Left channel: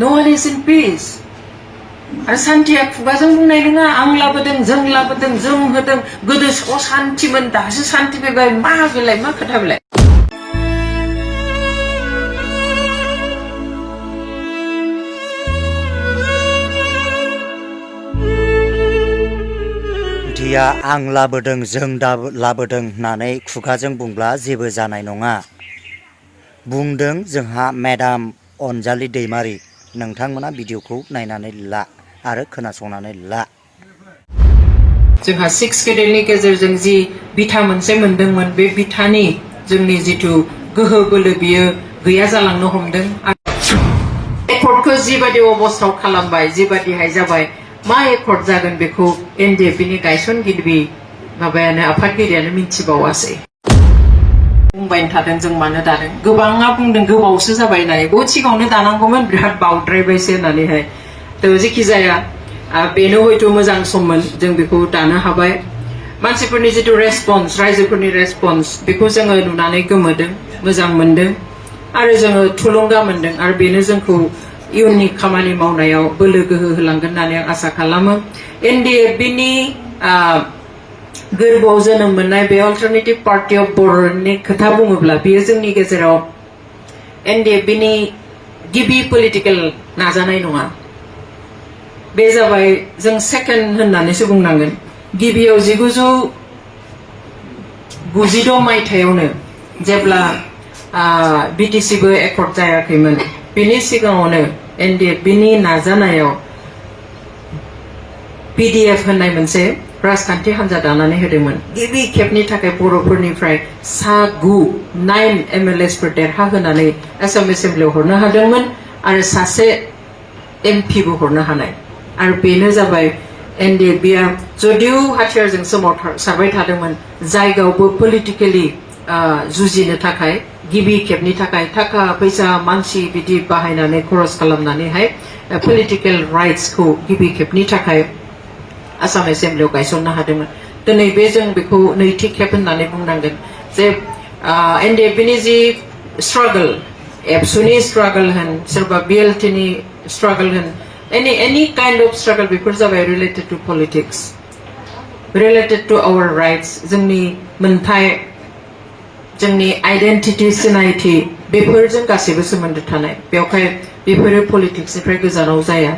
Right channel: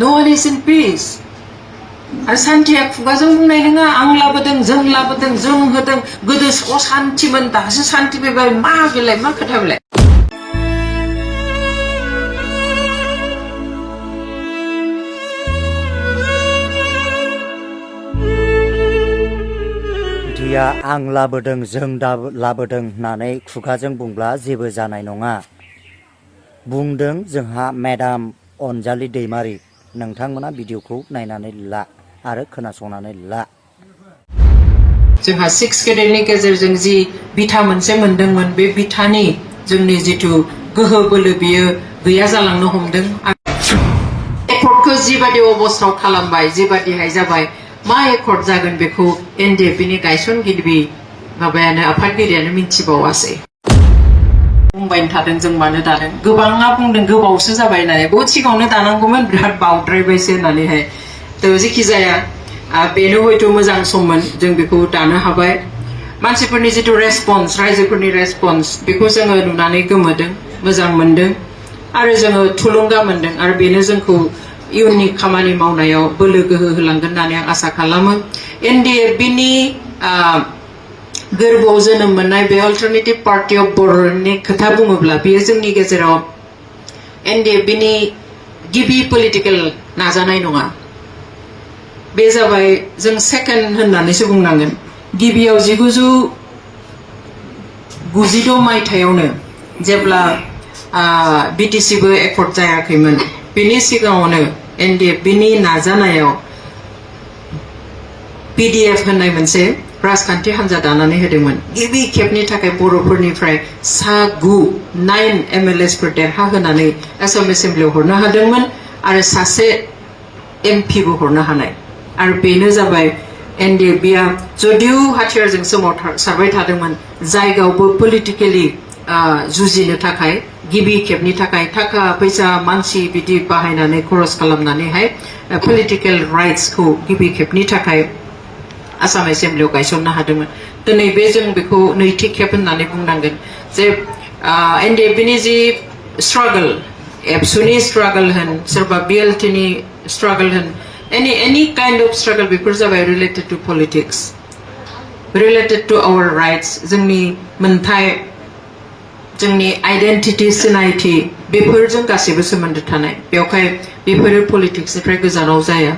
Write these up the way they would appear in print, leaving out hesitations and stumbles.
No one is in peace. आरो सान्थिया खुगाजों बुंनाय नङा आं लाबोदों जों होदों गोदो सान्थिमोन दासो सान्थि फैबाय मा बेलाय मा खोथा बेलाय दिया आं लाबोदों जों लाबोदों होननानै खुगाजों बुंब्ला जेबो जानाय नङा बुंदों जोंहा मेडाम अनजालि दैमारि नोंथांमोना भिडिअखौ नायनानै ला आरो खोनासंनानै ला जोंहा 6 केडेटनि गेजेरजों जि बिथा मोनसे मोनदोंमोन बे बिथानि जोंनि जिथु गोहो बोलो बियो गैया जालांनो हमदों एकर्डखौ जिबादि अबस्थायाव खालामबाय जिबादिहाय जाबाय मा एकर्ड जागोन बेखौ एनडिएफबि नि गायसनगिरि माबायानो आफादगिरियानो मिथिबावासै बुंबाय थादों जों मानो दादों गोबाङा बुंदों गोबावसो जाबाय होननानै बहुद सिगाङावनो दानांगौमोन बिराद बावद्रायबायसो होननानैहाय थ' जेखि जाया बेनो हयथ' मोजां सममोन जों बेखौ दानो हाबाय मानसिफोरनि जिथु रेसपन्स रायजोफोरनि रेसपन्स बेखौ जोङो नुनानै गोमोदों मोजां मोनदों आरो जोङो थुलुंगा मोनदों आरो बेनो जोंखौ इयुननि खामानि मावनायाव बोलो गोहो होलांगोन होननानै आं आसा खालामो एनडिएफबि नि गोरबोआव जोनोम मोननाय बे अल्टारनेटिभ पार्टी अफ बर'नि खोथा बुङोब्ला बेयो जोंनि गेजेराव एनडिएफबि नि गिबि पलिटिकेल नाजानाय नङा बे जाबाय जों सेकेन्ड होननानैसो बुंनांगोन गिबियाव 1996 मायथाइयावनो जेब्ला बिटिसिबो एकर्ड जायाखैमोन बेनि सिगाङावनो एनडिएफबि नि नाजानायाव पिडिएफ होननाय मोनसे राजखान्थि हान्जा दानानै होदोंमोन गिबि खेबनि थाखाय बर'फोरनिफ्राय 9 एमएलएसफोर देरहा होनानै आसाम एसेम्बलियाव हरनो हादोंमोन आरो सासे एमपिबो हरनो हानाय आरो बेनो जाबाय एनडिएफबिआ जदिउ हाथियारजों सोमावसारबाय थादोंमोन जायगायावबो पलिटिकेलि जुजिनो थाखाय गिबि खेबनि थाखाय थाखा फैसा मानसि बिदि बाहायनानै खरस खालामनानैहाय पलिटिकेल राइट्सखौ गिबि खेबनि थाखाय आसाम एसेम्बलियाव गायसननो हादोंमोन दिनै बे जों बेखौ नैथि खेब होननानै बुंनांगोन जे एनडिएफबि नि जि स्ट्रागल एबसुनि स्ट्रागल होन सोरबा बिएलटि नि स्ट्रागल होन any kind of struggle बेफोर जाबाय related to politics related to our rights जोंनि मोनथाय जोंनि आइडेन्टिटि सिनायथि बेफोरजों गासैबो सोमोन्दो थानाय बेवहाय बेफोरो पलिटिक्सनिफ्राय गोजानाव जाया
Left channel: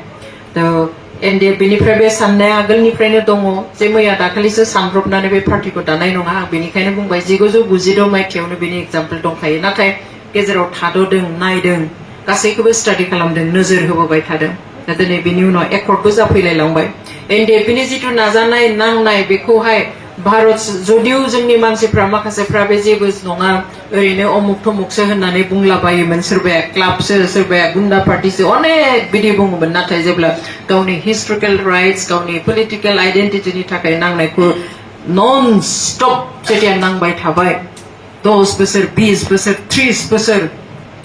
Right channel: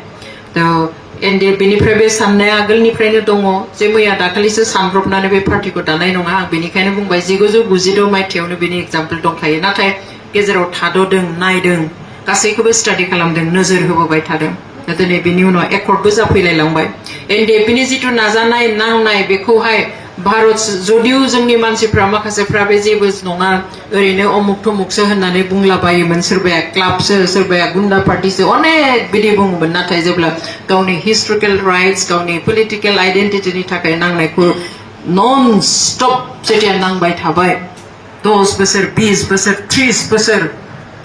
एनडिएफबि निफ्राय बे साननाया आगोलनिफ्रायनो दङ जे मैया दाखालिसो सानब्रबनानै बे पार्टिखौ दानाय नङा आं बेनिखायनो बुंबाय 1996 मायथाइयावनो बेनि एग्जाम्पल दंखायो नाथाय गेजेराव थाद'दों नायदों गासैखौबो स्टाडि खालामदों नोजोर होबोबाय थादों दिनै बेनि उनाव एकर्डबो जाफैलायलांबाय एनडिएफबि नि जिथु नाजानाय नांनाय बेखौहाय भारत जदिउ जोंनि मानसिफ्रा माखासेफ्रा बे जेबो नङा ओरैनो अमुक थमुकसो होननानै बुंलाबायोमोन सोरबाया क्लाबसो सोरबाया गुन्डा पार्टिसो अनेक बिदि बुङोमोन नाथाय जेब्ला गावनि हिस्टरिकेल राइट्स गावनि पलिटिकेल आइडेन्टिटिनि थाखाय नांनायखौ नन स्टप जेथिया नांबाय थाबाय 10 बोसोर 20 बोसोर 30 बोसोर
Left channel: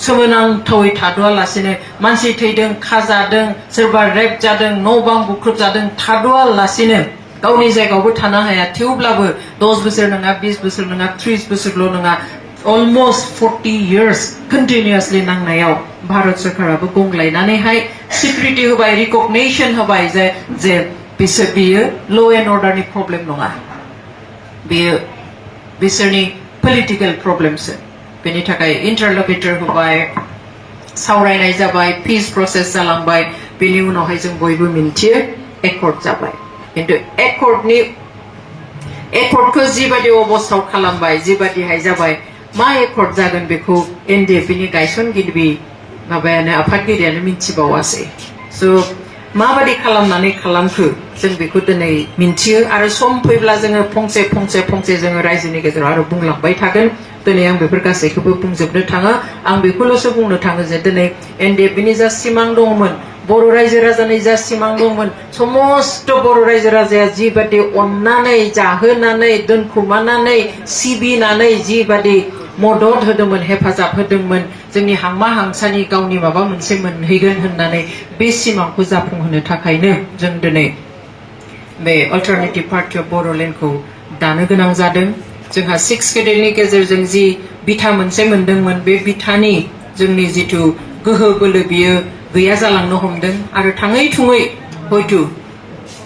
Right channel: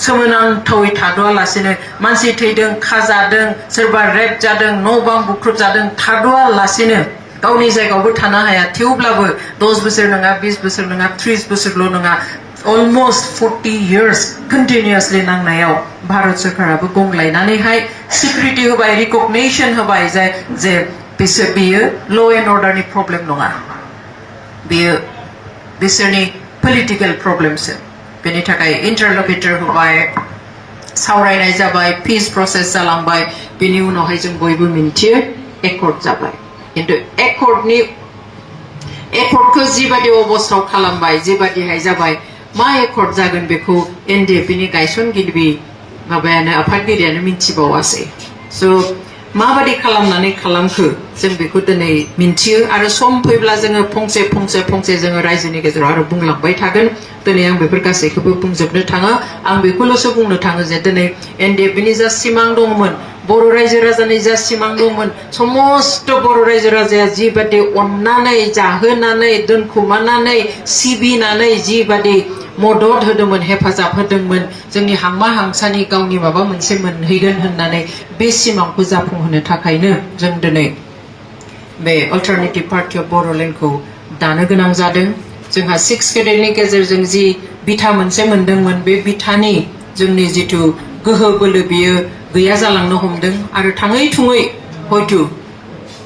सोमोनांथावै थाद'आलासेनो मानसि थैदों खाजादों सोरबा रेप जादों न' बां बुख्रुब जादों थाद'आलासेनो गावनि जायगायावबो थानो हाया थेवब्लाबो 10 बोसोर नङा 20 बोसोर नङा 30 बोसोरल' नङा almost 40 years continuously नांनायाव भारत सरकाराबो गंग्लायनानैहाय सिकिउरिटि होबाय रिकगनिशन होबाय जे बियो ल' एन्ड अर्डारनि प्रब्लेम नङा बेयो बिसोरनि पलिटिकेल प्रब्लेमसो बेनि थाखाय इन्टारलकेटर होबाय सावरायनाय जाबाय पीस प्रसेस जालांबाय बेनि उनावहाय जों बयबो मिन्थियो एकर्ड जाबाय किन्तु एकर्डखौ जिबादि अबस्थायाव खालामबाय जिबादिहाय जाबाय मा एकर्ड जागोन बेखौ एनडिएफबि नि गायसनगिरि माबायानो आफादगिरियानो मिथिबावासै स' माबादि खालामनानै खालामखो जों बेखौ दिनै मिन्थियो आरो सम फैब्ला जोङो फंसे जोङो रायजोनि गेजेराव आरो बुंलांबाय थागोन दिनै आं बेफोर गासैखौबो बुंजोबनो थाङा आं बेखौल'सो बुंनो थाङो जे दिनै एनडिएफबि नि जा सिमां दंमोन बर' रायजो राजानि जा सिमां दंमोन समस्त बर' रायजो राजाया जिबादि अननानै जाहोनानै दोनखुमानानै सिबिनानै जिबादि मदद होदोंमोन हेफाजाब होदोंमोन जोंनि हांमा हांसानि गावनि माबा मोनसे मोनहैगोन होननानै बे सिमांखौ जाफुंहोनो थाखायनो जों दिनै बे अल्टारनेटिभ पार्टी अफ बर'लेण्डखौ दानो गोनां जादों जोंहा 6 केडेटनि गेजेरजों जि बिथा मोनसे मोनदोंमोन बे बिथानि जोंनि जिथु गोहो बोलो बियो गैया जालांनो हमदों आरो थाङै थुङै हयतो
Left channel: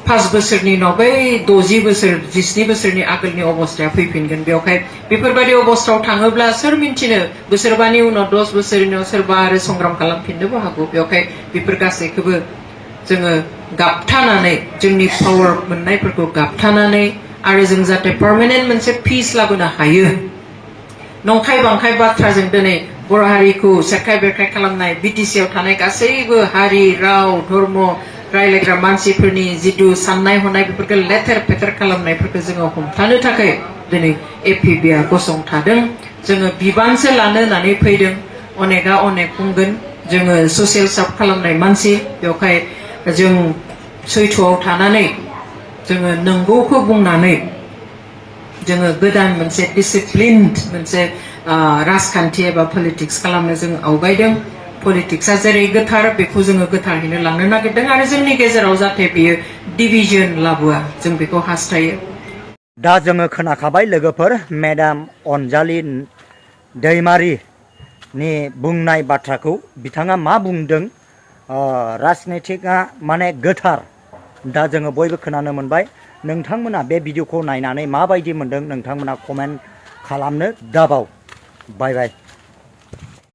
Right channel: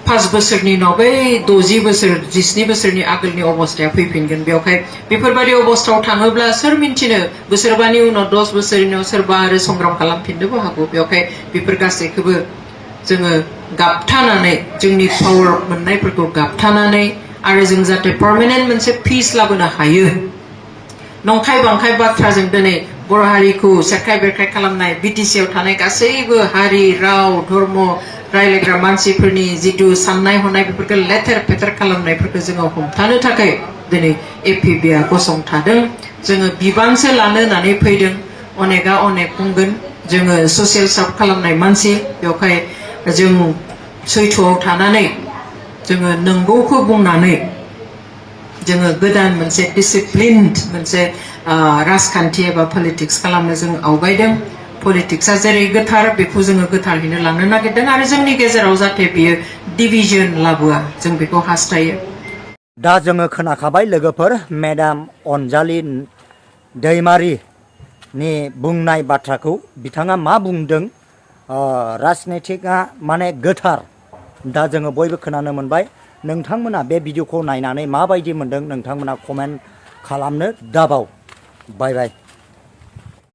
5 बोसोरनि उनाव बै 60 बोसोर 17 बोसोरनि आगोलनि अबस्थाया फैफिनगोन बेवहाय बेफोरबायदि अबस्थायाव थाङोब्ला सोर मिन्थिनो बोसोरबानि उनाव 10 बोसोरनि उनाव सोरबा आरो संग्राम खालामफिननोबो हागौ बेवहाय बेफोर गासैखौबो जोङो गाबथानानै जोंनि पावार मोननायफोरखौ गाबथानानै आरो जों जाहाथे पार्मानेन्ट मोनसे पिस लाबोनो हायो नंखाय बांखाय बाथ्राजों दिनै बर' हारिखौ सेरखाय बेरखाय खालामनाय बिटिसिआव थानाय गासैबो हारि राव धर्म रायलायग्रा मानसिफोरनि जितु साननाय हनाय बेफोरखौ लेथेर फेथेर खालामनायफोरखौ जोङो हमथानो थाखाय दिनै एपिबिआ गसंथादों जोङो बिबानसो लानो होननानै फैदों अनेकआ अनेक बुंगोन जोङो ससियेल सार्भ खालामनाय मानसि बेवहाय जों सैथोआव थानानै जोङो नंगौखौ बुंनानै जोङो गोदान मोनसे डिसिप्लिनड मोनसे राजखान्थि एबा पलिटिक्स खालामनो जों आवगायदों पलिटिक्सआ जेरै गोथार बेखौ जोङो गोथारैनो लांनो नागिरदों आरो जोंनि गेजेराव जाहाथे बियो डिभिजन लाबोआ जों बेखौ हास्थायो दा जोङो खोनाखाबाय लोगोफोर मेडाम अनजालि दैमारिनि बुंनाय बाथ्राखौ बिथाङा मा बुंदों राजनितिकआ माने गोथार दा जोङो बयबो खोनानो मोनबाय नोंथांमोना बे भिडिअखौ नायनानै माबायदि मोनदों नोंथांमोना कमेन्ट खालामनो दाबाव बाय बाय